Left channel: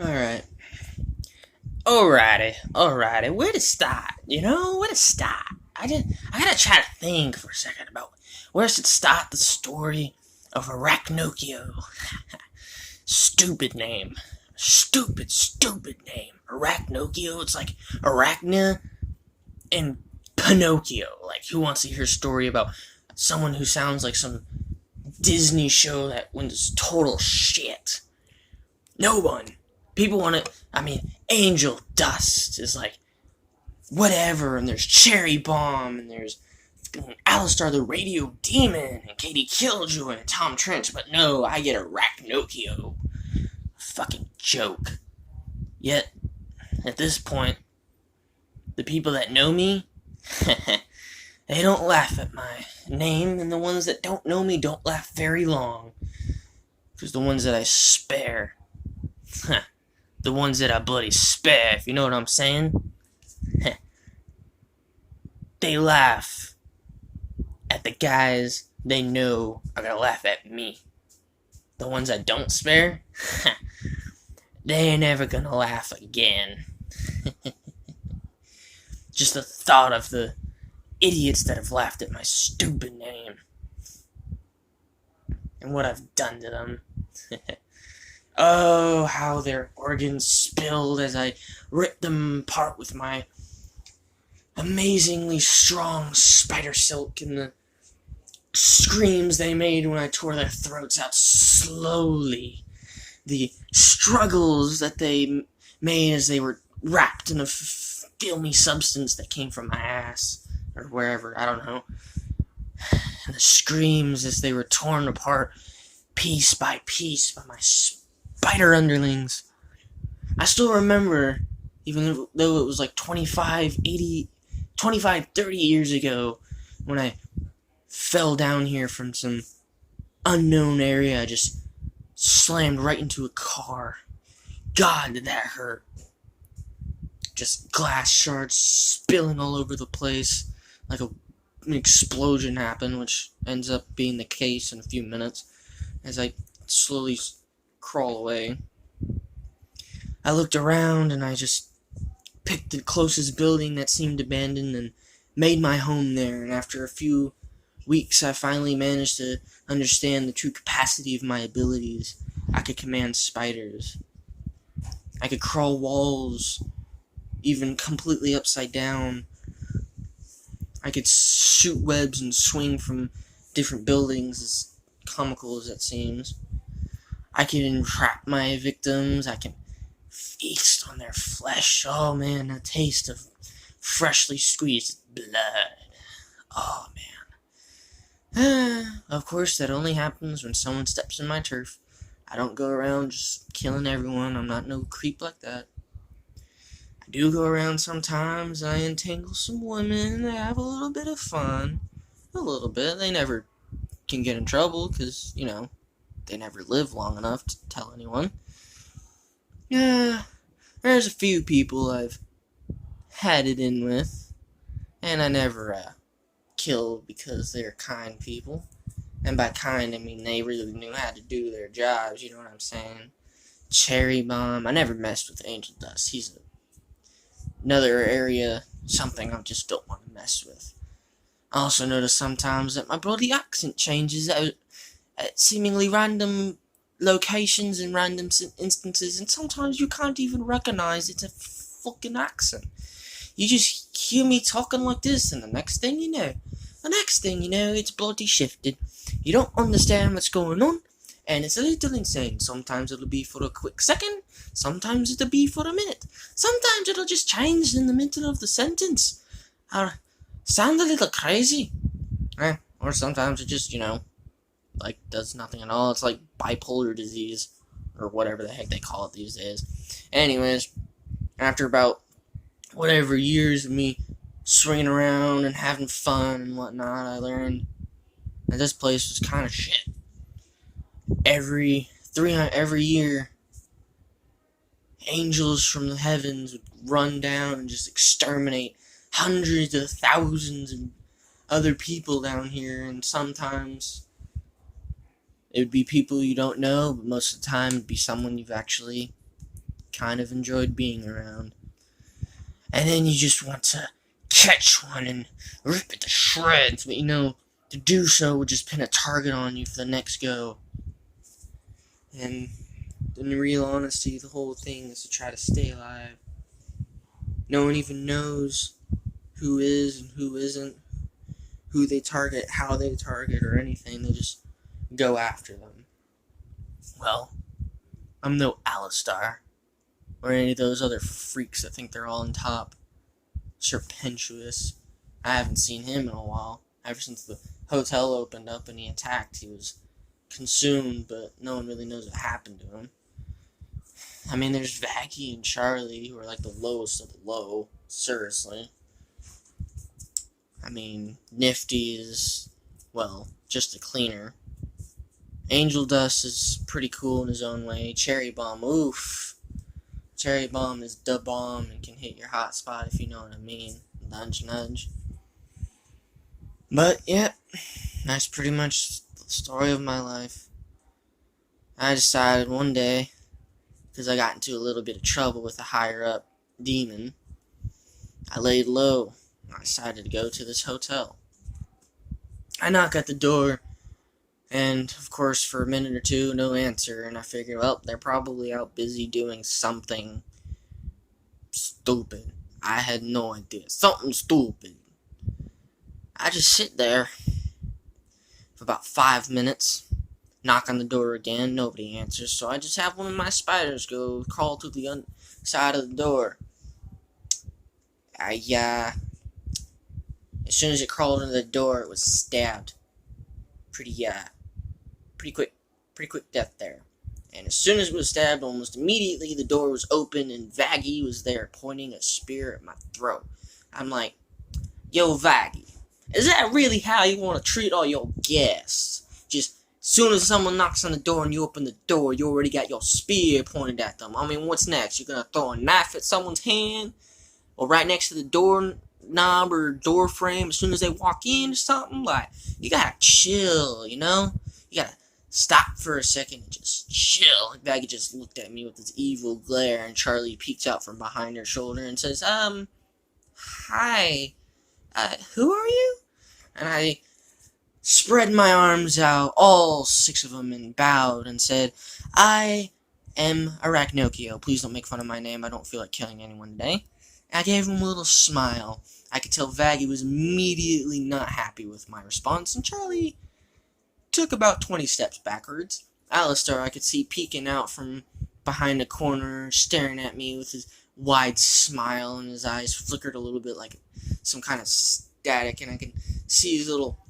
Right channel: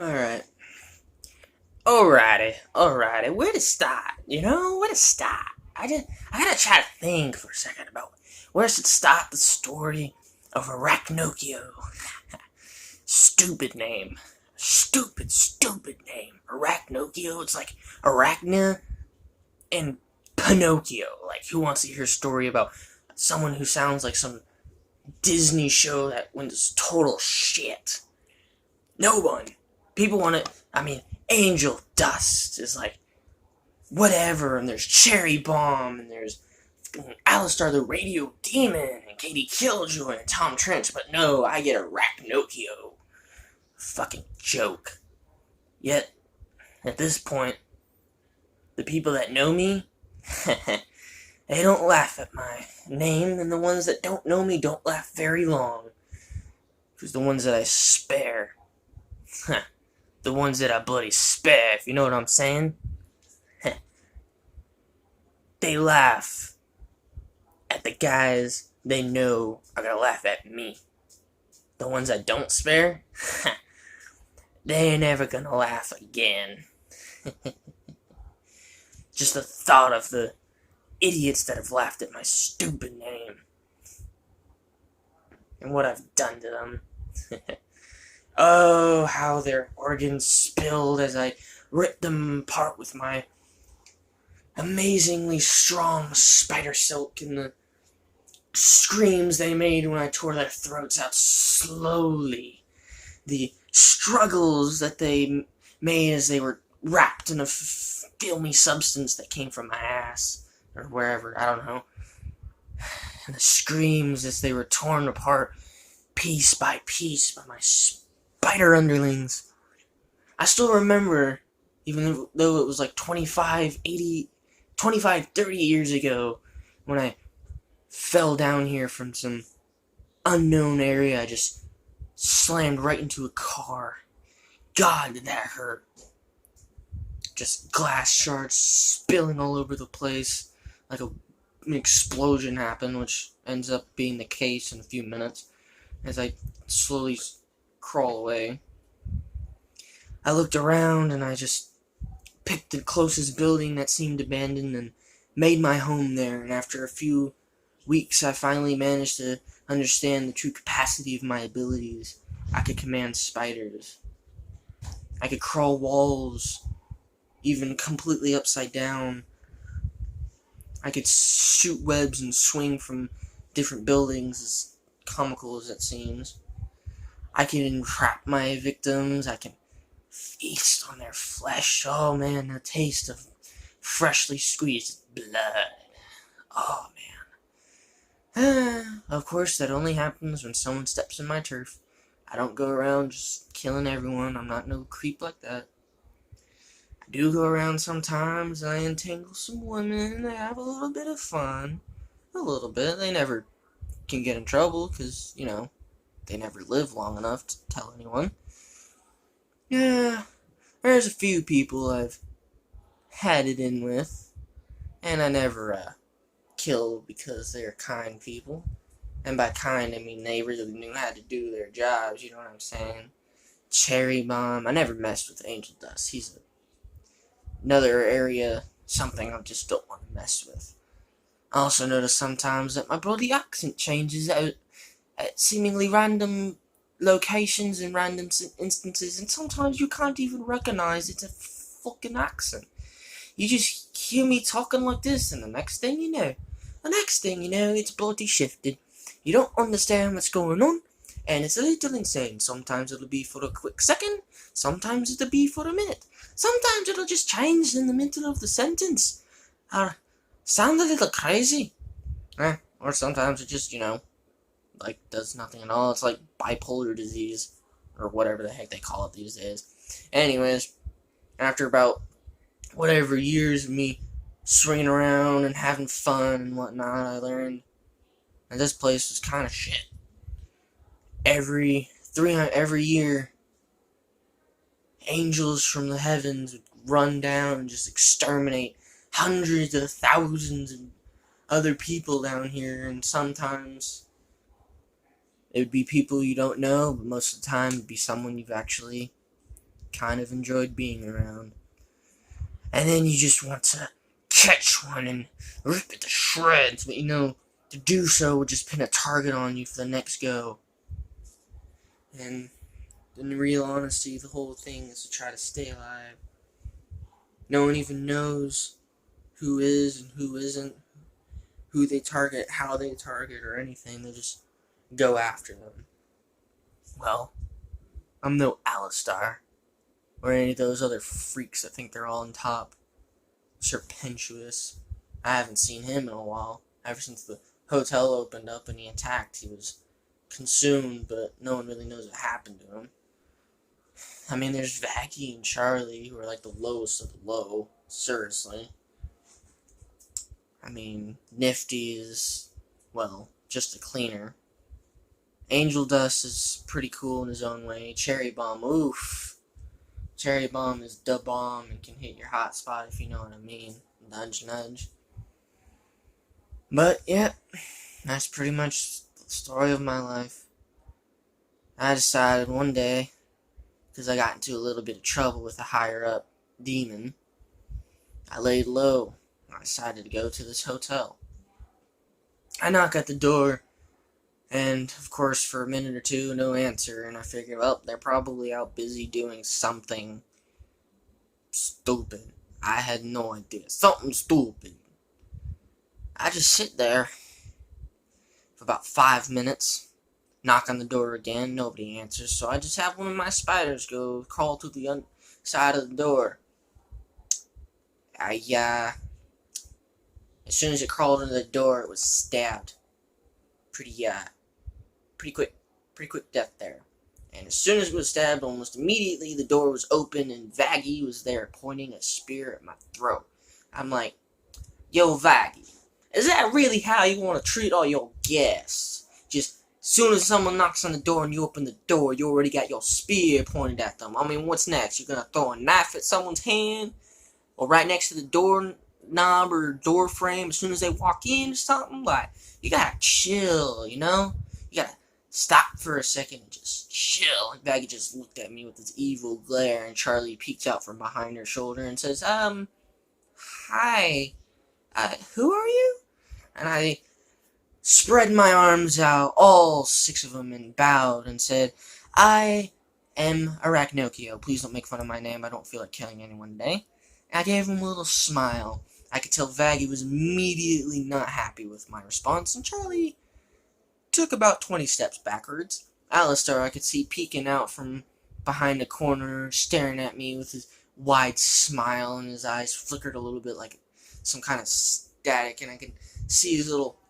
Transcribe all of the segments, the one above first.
Alright. Alrighty. Where to start? Where to start? I gotta try to think for a second about where I should start the story of Arachnocio. Stupid name. Stupid name. Arachnocio. It's like Arachna and Pinocchio. Like, who wants to hear a story about someone who sounds like some Disney show that was total shit? No one. People want to. Angel Dust is like whatever, and there's Cherry Bomb, and there's Alistar the Radio Demon, and Katie Killjoy, and Tom Trench. But no, I get Arachnocchio. Fucking joke. Yet, at this point, the people that know me, they don't laugh at my name, and the ones that don't know me don't laugh very long. Because the ones that I spare, the ones that I bloody spare, if you know what I'm saying, they laugh at the guys they know are gonna laugh at me. The ones I don't spare, they ain't ever gonna laugh again. Just the thought of the idiots that have laughed at my stupid name and what I've done to them. Oh, how their organs spilled as I ripped them apart with my amazingly strong spider silk, and the screams they made when I tore their throats out slowly. The struggles that they made as they were wrapped in a filmy substance that came from my ass, or wherever, I don't know. And the screams as they were torn apart piece by piece by my spider underlings. I still remember, even though it was like 25, 30 years ago, when I fell down here from some unknown area. I just slammed right into a car. God, did that hurt. Just glass shards spilling all over the place, like an explosion happened, which ends up being the case in a few minutes, as I slowly crawl away. I looked around and I just picked the closest building that seemed abandoned and made my home there, and after a few weeks I finally managed to understand the true capacity of my abilities. I could command spiders. I could crawl walls, even completely upside down. I could shoot webs and swing from different buildings, as comical as that seems. I can entrap my victims. I can feast on their flesh. Oh man, the taste of freshly squeezed blood. Oh man. Of course, that only happens when someone steps in my turf. I don't go around just killing everyone. I'm not no creep like that. I do go around sometimes, and I entangle some women, and I have a little bit of fun. A little bit. They never can get in trouble, because, they never live long enough to tell anyone. Yeah, there's a few people I've had it in with, and I never, killed because they're kind people. And by kind, I mean they really knew how to do their jobs, you know what I'm saying? Cherry Bomb. I never messed with Angel Dust. He's another area, something I just don't want to mess with. I also notice sometimes that my bloody accent changes at seemingly random locations and random instances, and sometimes you can't even recognize it's a fucking accent. You just hear me talking like this, and the next thing you know, it's bloody shifted. You don't understand what's going on, and it's a little insane. Sometimes it'll be for a quick second, sometimes it'll be for a minute. Sometimes it'll just change in the middle of the sentence. Sound a little crazy. Or sometimes it just, does nothing at all. It's like bipolar disease, or whatever the heck they call it these days. Anyways, after about whatever years of me swinging around and having fun and whatnot, I learned that this place was kind of shit. Every year, angels from the heavens would run down and just exterminate hundreds of thousands of other people down here, and sometimes it would be people you don't know, but most of the time it'd be someone you've actually kind of enjoyed being around. And then you just want to catch one and rip it to shreds, but to do so would just pin a target on you for the next go. And in real honesty, the whole thing is to try to stay alive. No one even knows who is and who isn't, who they target, how they target, or anything. They just go after them. Well, I'm no Alistar, or any of those other freaks that think they're all on top. Serpentuous. I haven't seen him in a while. Ever since the hotel opened up and he attacked, he was consumed, but no one really knows what happened to him. I mean, there's Vaggie and Charlie, who are like the lowest of the low. Seriously. I mean, Nifty is, well, just a cleaner. Angel Dust is pretty cool in his own way. Cherry Bomb, oof. Cherry Bomb is the bomb and can hit your hot spot, if you know what I mean. Nudge, nudge. But, yeah, that's pretty much the story of my life. I decided one day, because I got into a little bit of trouble with a higher-up demon, I laid low. I decided to go to this hotel. I knock at the door, and, of course, for a minute or two, no answer, and I figure, well, they're probably out busy doing something stupid. I had no idea. Something stupid. I just sit there for about 5 minutes, knock on the door again, nobody answers, so I just have one of my spiders go crawl to the side of the door. As soon as it crawled into the door, it was stabbed. Pretty quick death there. And as soon as it was stabbed, almost immediately the door was open and Vaggie was there pointing a spear at my throat. I'm like, yo, Vaggie, is that really how you want to treat all your guests? Just as soon as someone knocks on the door and you open the door, you already got your spear pointed at them. I mean, what's next? You're going to throw a knife at someone's hand? Or right next to the door knob or door frame as soon as they walk in or something? Like, you gotta chill, You gotta stop for a second and just chill. And Vaggie just looked at me with this evil glare, and Charlie peeked out from behind her shoulder and says, hi, who are you? And I spread my arms out, all 6 of them, and bowed and said, I am Arachnocio. Please don't make fun of my name. I don't feel like killing anyone today. I gave him a little smile. I could tell Vaggie was immediately not happy with my response, and Charlie took about 20 steps backwards. Alistar, I could see peeking out from behind a corner, staring at me with his wide smile, and his eyes flickered a little bit like some kind of static, and I could see his little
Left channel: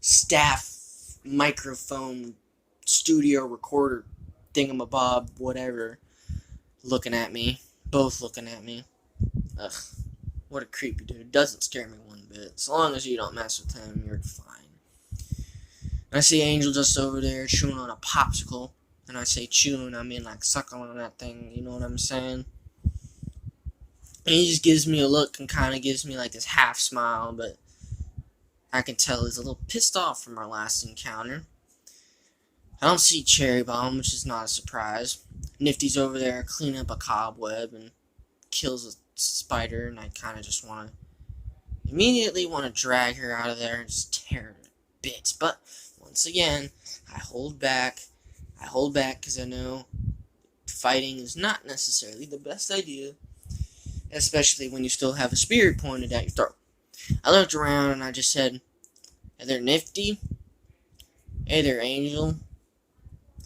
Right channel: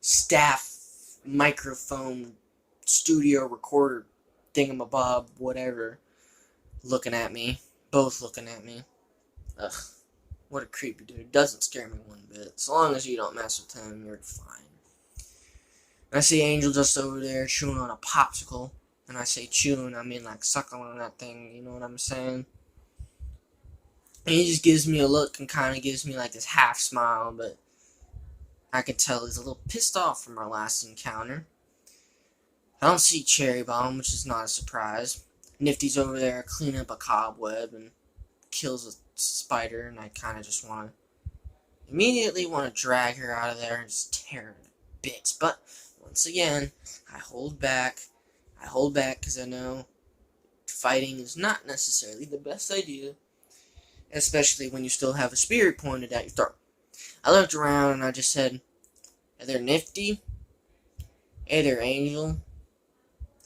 staff microphone studio recorder thingamabob, whatever, looking at me. Both looking at me. Ugh, what a creepy dude. Doesn't scare me one bit. As long as you don't mess with him, you're fine. I see Angel just over there chewing on a popsicle. And I say chewing, I mean like sucking on that thing, you know what I'm saying? And he just gives me a look and kind of gives me like this half smile, but I can tell he's a little pissed off from our last encounter. I don't see Cherry Bomb, which is not a surprise. Nifty's over there cleaning up a cobweb and kills a spider, and I kind of just immediately want to drag her out of there and just tear her to bits. But once again, I hold back because I know fighting is not necessarily the best idea, especially when you still have a spear pointed at your throat. I looked around and I just said, hey there, Nifty. Hey there, Angel.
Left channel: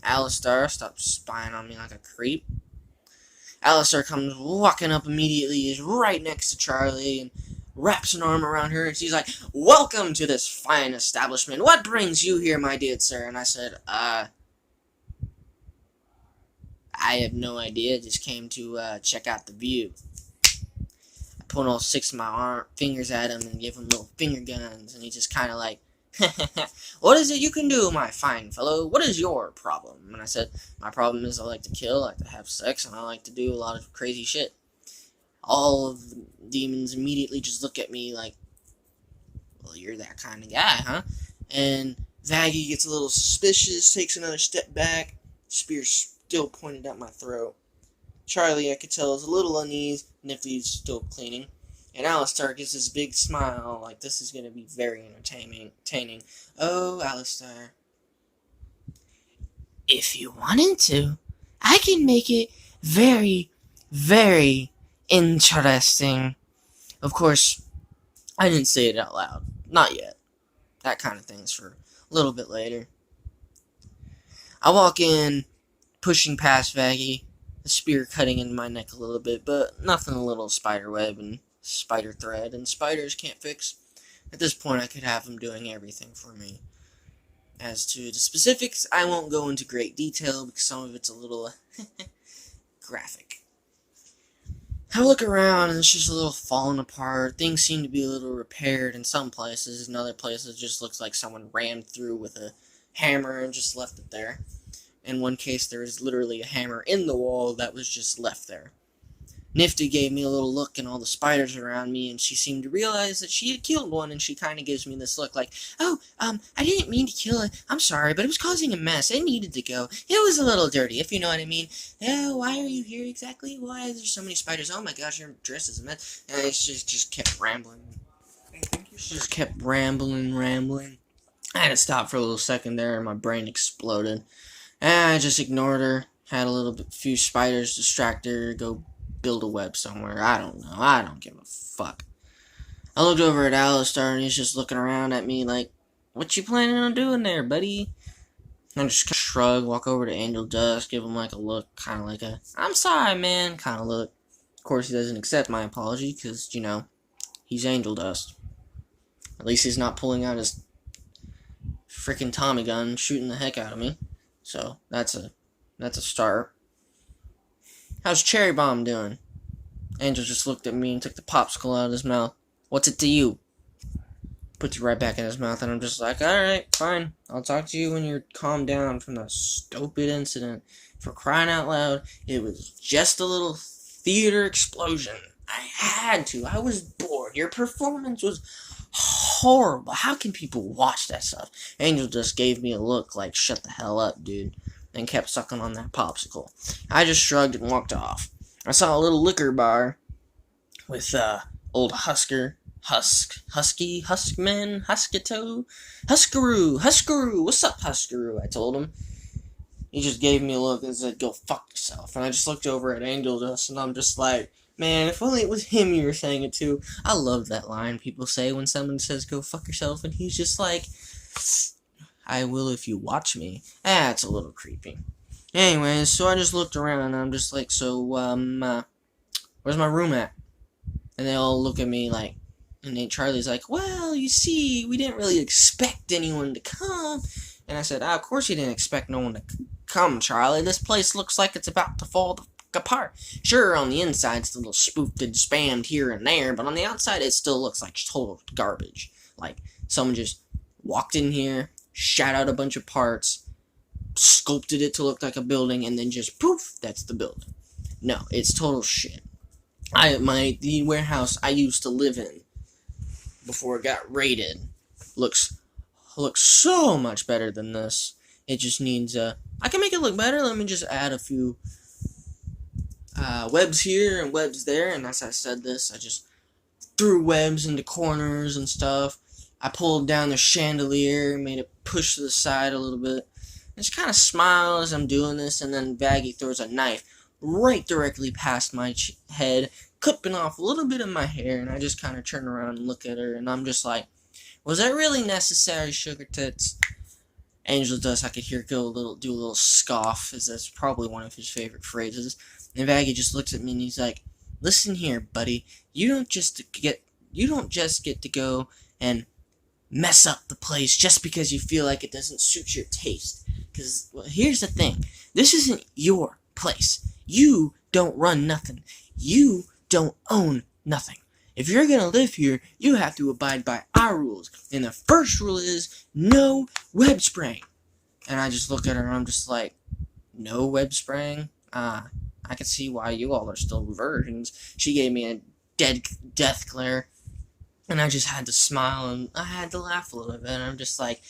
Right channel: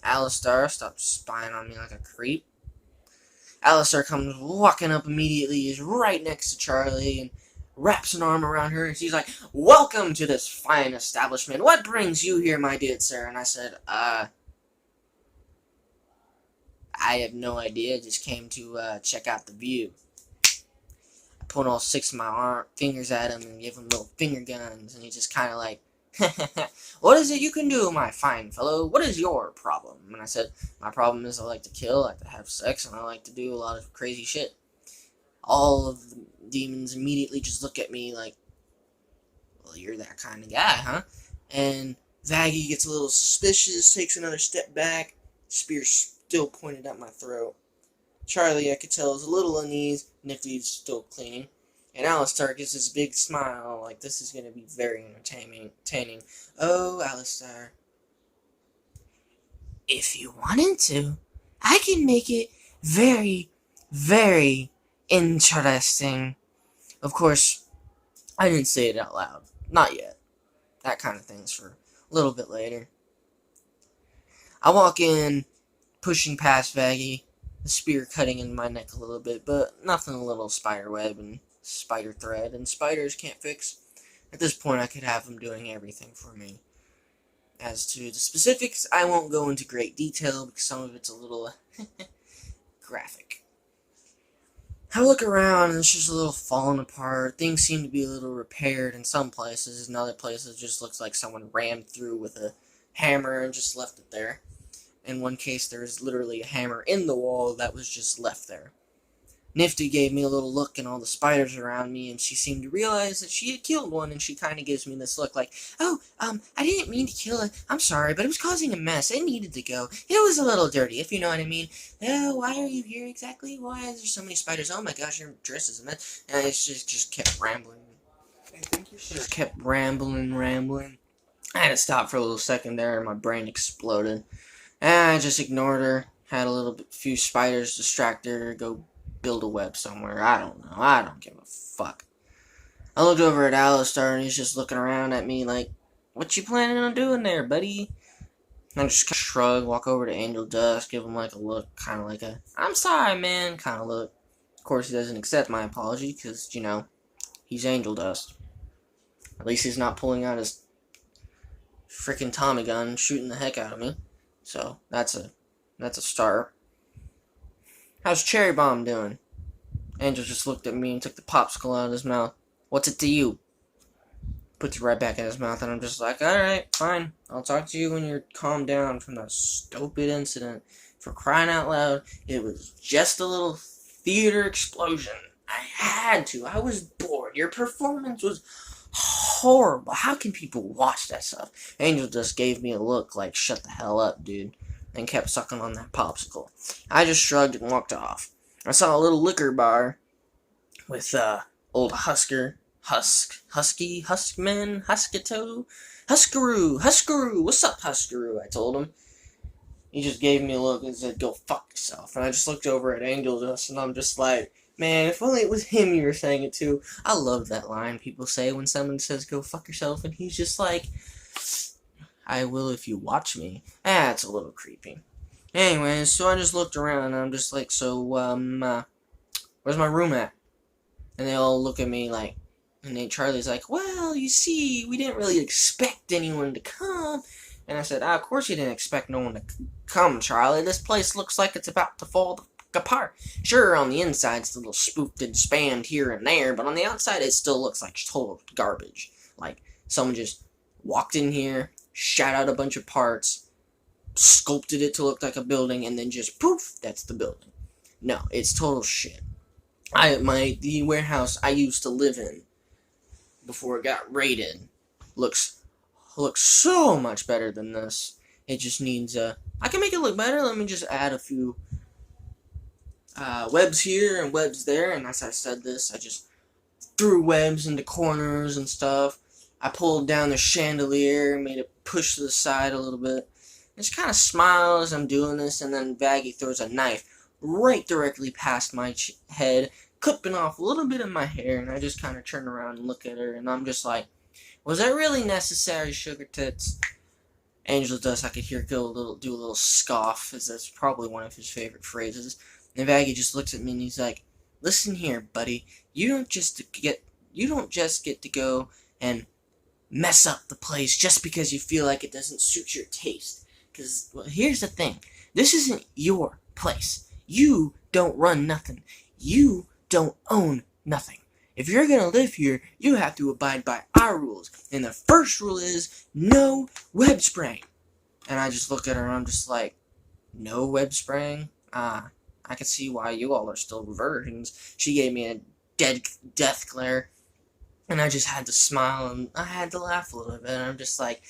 Alistar, stop spying on me like a creep. Alistar comes walking up immediately, is right next to Charlie, and wraps an arm around her, and she's like, welcome to this fine establishment. What brings you here, my dear sir? And I said, I have no idea. Just came to check out the view. I point all 6 of my fingers at him and give him little finger guns, and he just kind of like, what is it you can do, my fine fellow? What is your problem? And I said, my problem is I like to kill, I like to have sex, and I like to do a lot of crazy shit. All of the demons immediately just look at me like, well, you're that kind of guy, huh? And Vaggie gets a little suspicious, takes another step back, spear still pointed at my throat. Charlie, I could tell, is a little uneasy. Nifty's still cleaning. And Alistair gets this big smile, like this is going to be very entertaining. Oh, Alistair. If you wanted to, I can make it very, very interesting. Of course, I didn't say it out loud. Not yet. That kind of thing's for a little bit later. I walk in, pushing past Vaggie, the spear cutting into my neck a little bit, but nothing a little spider web and spider thread, and spiders can't fix. At this point, I could have them doing everything for me. As to the specifics, I won't go into great detail because some of it's a little graphic. I look around and it's just a little falling apart. Things seem to be a little repaired in some places. In other places, it just looks like someone rammed through with a hammer and just left it there. In one case, there was literally a hammer in the wall that was just left there. Nifty gave me a little look and all the spiders around me, and she seemed to realize that she had killed one, and she kind of gives me this look like, oh, I didn't mean to kill it. I'm sorry, but it was causing a mess. It needed to go. It was a little dirty, if you know what I mean. Oh, why are you here exactly? Why is there so many spiders? Oh my gosh, your dress is a mess. And it just kept rambling. I think you should. Just kept rambling. I had to stop for a little second there, and my brain exploded. And I just ignored her. Had a few spiders distract her, go build a web somewhere. I don't know. I don't give a fuck. I looked over at Alistair, and he's just looking around at me like, what you planning on doing there, buddy? I just shrug, walk over to Angel Dust, give him like a look, kind of like a, I'm sorry, man, kind of look. Of course, he doesn't accept my apology, because, you know, he's Angel Dust. At least he's not pulling out his freaking Tommy gun, shooting the heck out of me. So, that's a start. How's Cherry Bomb doing? Angel just looked at me and took the popsicle out of his mouth. What's it to you? Puts it right back in his mouth, and I'm just like, alright, fine. I'll talk to you when you're calmed down from that stupid incident. For crying out loud, it was just a little theater explosion. I had to. I was bored. Your performance was horrible. How can people watch that stuff? Angel just gave me a look like, shut the hell up, dude, and kept sucking on that popsicle. I just shrugged and walked off. I saw a little liquor bar with old Huskaroo, what's up, Huskaroo? I told him. He just gave me a look and said, go fuck yourself. And I just looked over at Angel Dust, and I'm just like, man, if only it was him you were saying it to. I love that line people say when someone says, go fuck yourself, and he's just like, I will if you watch me. It's a little creepy. Anyways, so I just looked around, and I'm just like, so, where's my room at? And they all look at me like, and then Charlie's like, well, you see, we didn't really expect anyone to come. And I said, of course you didn't expect no one to come, Charlie. This place looks like it's about to fall apart. Sure, on the inside it's a little spoofed and spammed here and there, but on the outside it still looks like total garbage. Like, someone just walked in here, shot out a bunch of parts, sculpted it to look like a building, and then just poof, that's the building. No, it's total shit. The warehouse I used to live in before it got raided looks so much better than this. It just needs I can make it look better. Let me just add a few webs here and webs there, and as I said this, I just threw webs into corners and stuff. I pulled down the chandelier, made it push to the side a little bit. I just kind of smile as I'm doing this, and then Vaggie throws a knife right directly past my head, clipping off a little bit of my hair, and I just kind of turn around and look at her, and I'm just like, was that really necessary, sugar tits? Angel Dust, I could hear do a little scoff, as that's probably one of his favorite phrases. And Vaggie just looks at me and he's like, listen here, buddy, you don't just get to go and mess up the place just because you feel like it doesn't suit your taste. Because, well, here's the thing. This isn't your place. You don't run nothing. You don't own nothing. If you're gonna live here, you have to abide by our rules. And the first rule is no web spraying. And I just look at her and I'm just like, no web spraying? I can see why you all are still virgins. She gave me a death glare. And I just had to smile and I had to laugh a little bit. And I'm just like,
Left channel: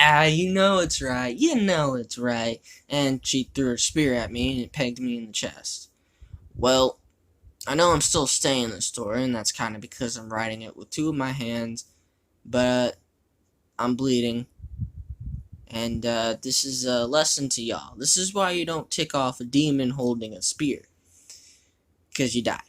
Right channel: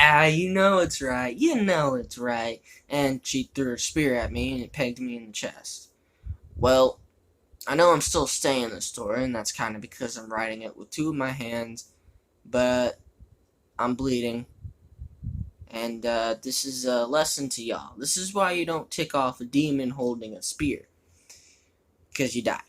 Ah, you know it's right. You know it's right. And she threw her spear at me and it pegged me in the chest. Well, I know I'm still staying the story, and that's kind of because I'm writing it with two of my hands, but I'm bleeding. And this is a lesson to y'all. This is why you don't tick off a demon holding a spear. Because you die.